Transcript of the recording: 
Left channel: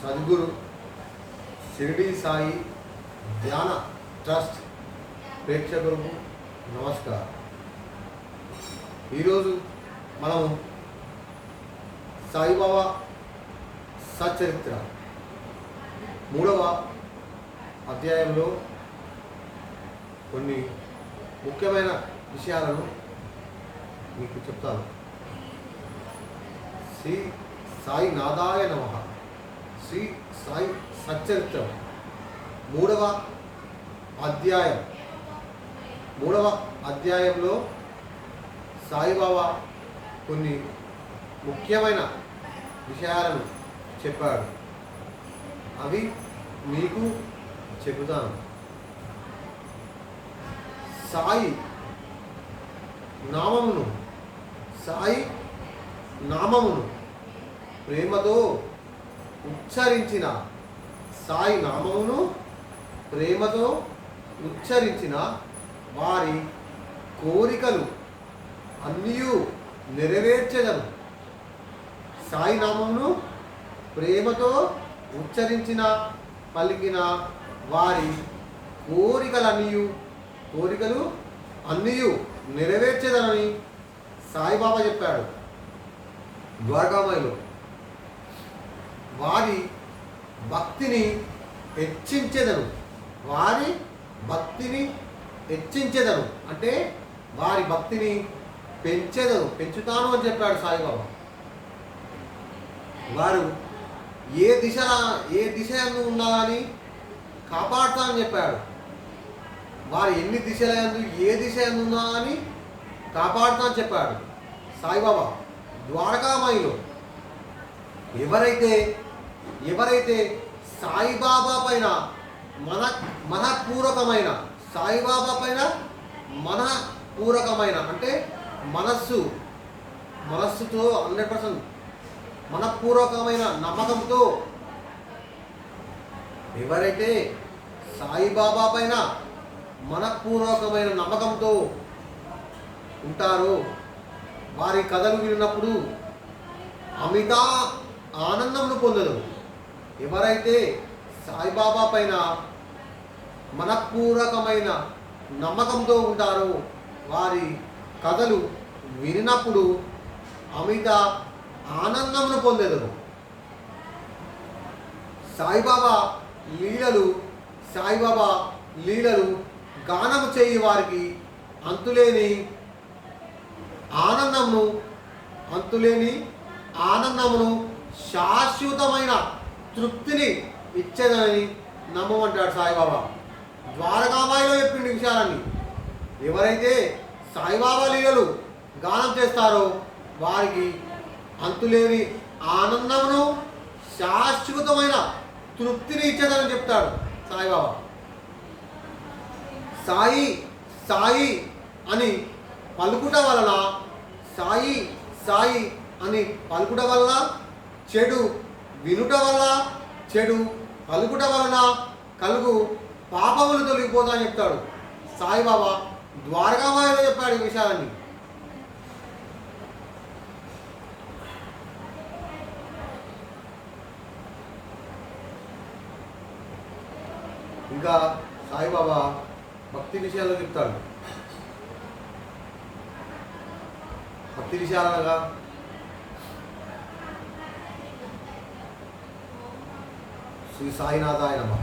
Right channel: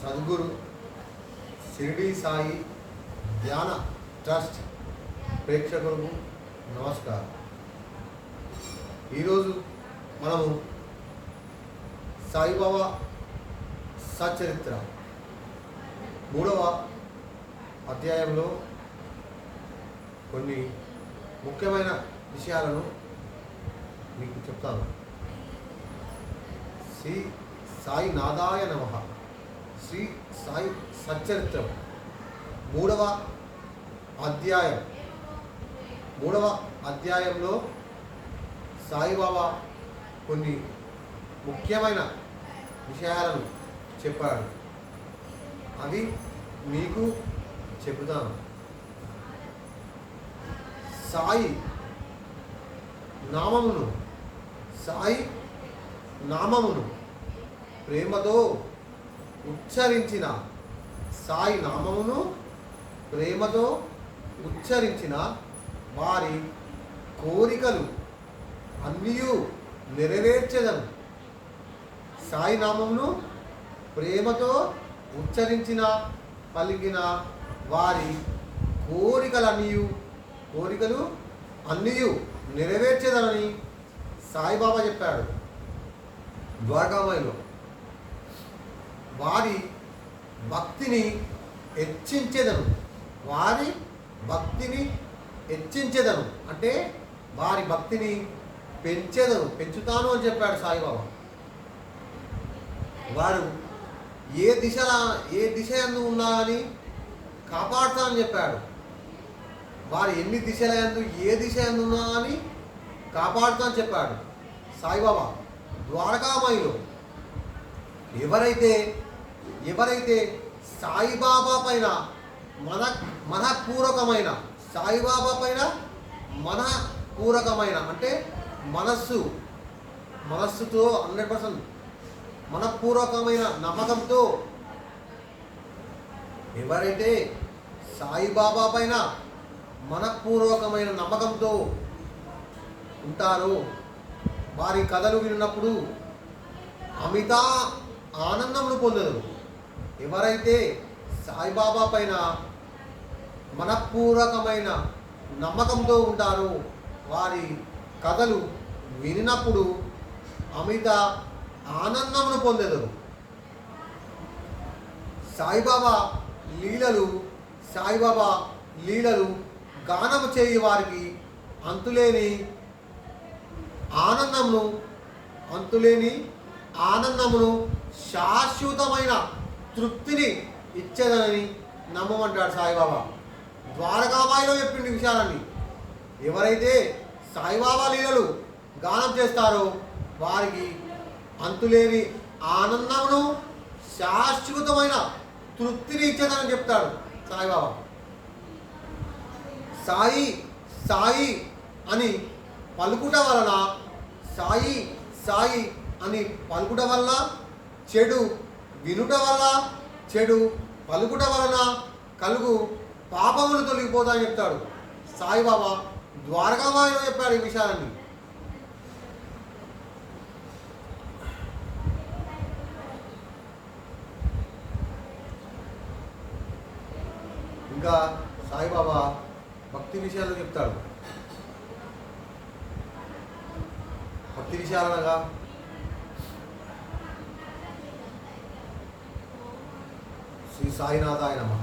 సద్గురు షిరిడి సాయి ధ్యాన ట్రస్ట్ ప్రేక్షకులకు నమస్కారం. ఈరోజు మనము సాయిబాబా సచరిత్ర 3వ అధ్యాయంలో కొన్ని ముఖ్యమైన విషయాలను మీకు చెప్తాను. శ్రీ సాయి నాదాయ నమః. శ్రీ సాయి సచ్చరిత్రం 3వ అధ్యాయంలో సాయిబాబా కొన్ని ముఖ్యమైన విషయాలను చెప్పాడు. అవి మీకు చెబుతాను. సాయి నామమును ప్రేమతో ఉచ్చరించిన వారి కోరికలు అన్నీ నెరవేర్చెదను. సాయి నామమును ప్రేమతో పలికిన వారి కోరికలు అన్నీ నెరవేర్చేదనని సాయిబాబా చెప్పాడు. ద్వారకామాయిలో వారి భక్తిని హెచ్చించెదను అంటే వారి భక్తిని పెంచుతాను అని చెప్పాడు సాయిబాబా. వారు ఏ దిశ యందు ఉన్నా అని కాపాడుతానని చెప్పాడు. వారు ఎన్ని దిశల యందు ఏ దిశ యందు ఉన్నా అని కాపాడుతానని చెప్పాడు సాయిబాబా. ద్వారకామాయిలో ఎవరైతే సాయిబాబా పైన మనఃపూర్వకమైన అంటే మనస్సుతో 100% మనఃపూర్వకమైన నమ్మకంతో ఎవరైతే సాయిబాబా పైన మనఃపూర్వకమైన నమ్మకంతో ఉంటారో వారి కథలు విన్నప్పుడు అమిత ఆనందమును పొందదు. ఎవరైతే సాయిబాబా పైన మనఃపూర్వకమైన నమ్మకంతో ఉంటారో వారి కథలు వినినప్పుడు అమిత ఆనందమును పొందెదరు. సాయిబాబా లీలలు గానము చేయి వారికి అంతులేని ఆనందమును శాశ్వతమైన తృప్తిని ఇచ్చేదని నమ్మమంటాడు సాయిబాబా. ద్వారకామాయిలో చెప్పిండు విషయాలన్నీ. ఎవరైతే సాయిబాబా లీలలు గానం చేస్తారో వారికి అంతులేని ఆనందమును శాశ్వతమైన తృప్తిని ఇచ్చేదని చెప్తాడు సాయిబాబా. సాయి అని పలుకుట వలన చెడు వినుట వల్ల చెడు పలుకుట వలన కలుగు పాపములు తొలగిపోతాయని చెప్తాడు సాయిబాబా. ద్వారకామాయిలో చెప్పాడు ఈ విషయాలన్నీ. ఇంకా సాయిబాబా భక్తి విషయాల్లో చెప్తాడు. భక్తి విషయాలనగా శ్రీ సాయినాథాయ నమః.